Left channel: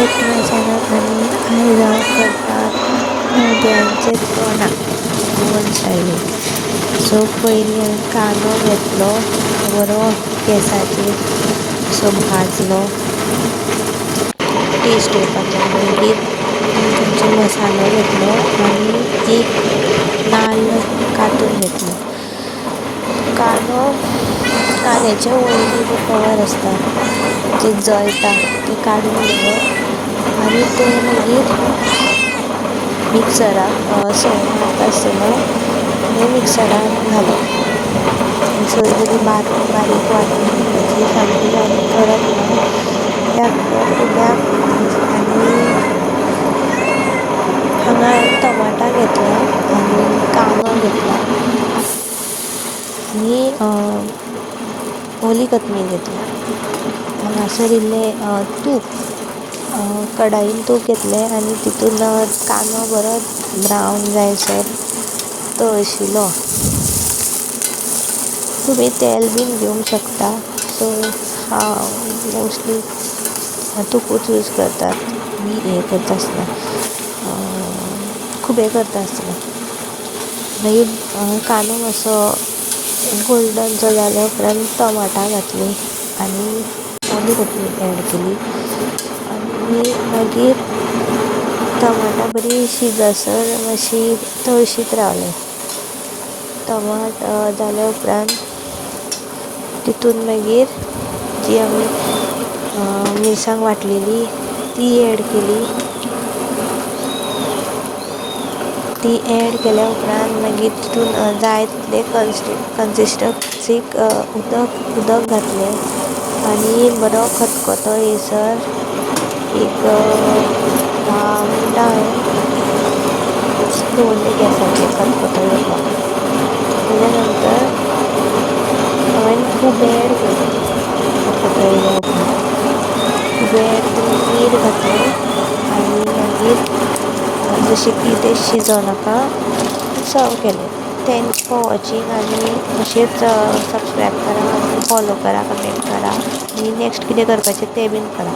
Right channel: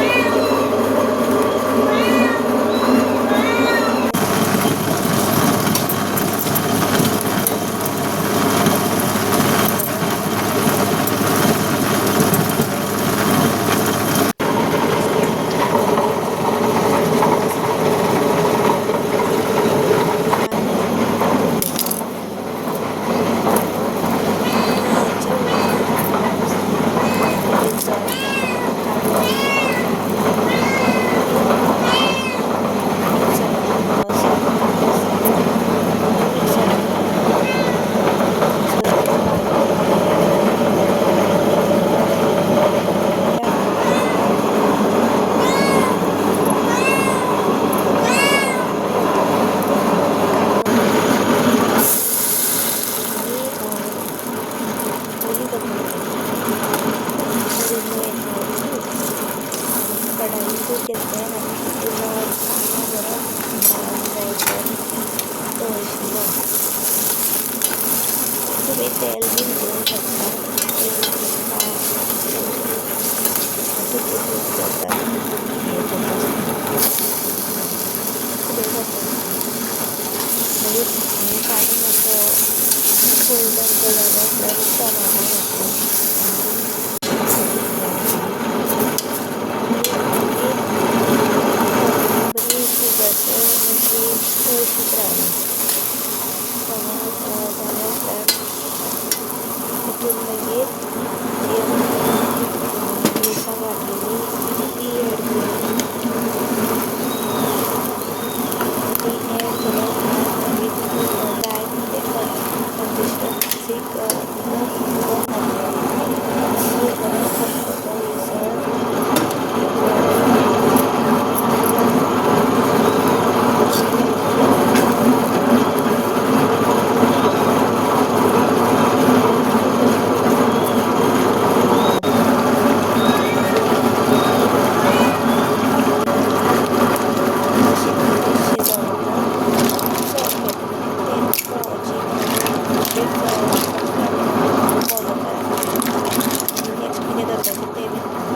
एक चॅनल आणि नद्यांचे तोंडाक जीवनशैली. सो पयले कांदो घेतलो, बरो गॅसाचेर भाजलो टेस्ट येवपाक लागली. मागीर चमचो मसालो घेतलो आनी एक नाल्ल कातून घेतलो. कांद्याचे वयली जो कवर आसता जे जळटा ते काडून उडयलो आनी ते मागीर मिक्सराक सर्व करता आसतना ते मिक्सरान घालप. सगळी बरी बारीक वांटून घेवपाची सामकी आनी कडक न्हू. आनी हांगा टमाटा घेतला आनी कांदो घेतला आनी ओली कोथमीर घेतली. हांगासर इल्लें तूप कडायेन तूप घेतलें आनी तितून कांदो बरो ब्रावन जायसर तळशिलो. तुमी तेल बीन घेवंक शकता. सो हांव मोस्टली तुपूच यूज करतात हें करता आसतना, खुबे करता आसतना. मागीर कांदो मातसो गोल्डनसो जाल्या उपरांत टमाटां घातलीं आनी ओली कोथमीर एड केली आनी मागीर टमाटां बरी शिजसर मातशी तळशीत रावलें. टमाट जाल्या उपरांत तितून मागीर जी आमी मिरसांग वांटलेली ती एड केली. ती एड केल्या उपरांत मागीर तितून जाय तितलें कन्सिस्टन्सीक उदक घातलें आनी बरो खतखतो येयसर एक 10 मिनटां हांवें दवरलें गॅसाचेर खतखतो येवपाक. तेज्या नंतर हांवें खुबे एड केले. खतखतो येयल्या उपरांत खुबे एड करून मीठ घातलें आनी मागीर जशें की तें शिजोनाका सर्व केलें. थँक्स फॉर वॉचिंग आनी अशेंच सबस्क्रायब करा आनी फॉलो करा, कमेंट करा आनी नेक्स्ट कितें करपाचें तें बीन करा.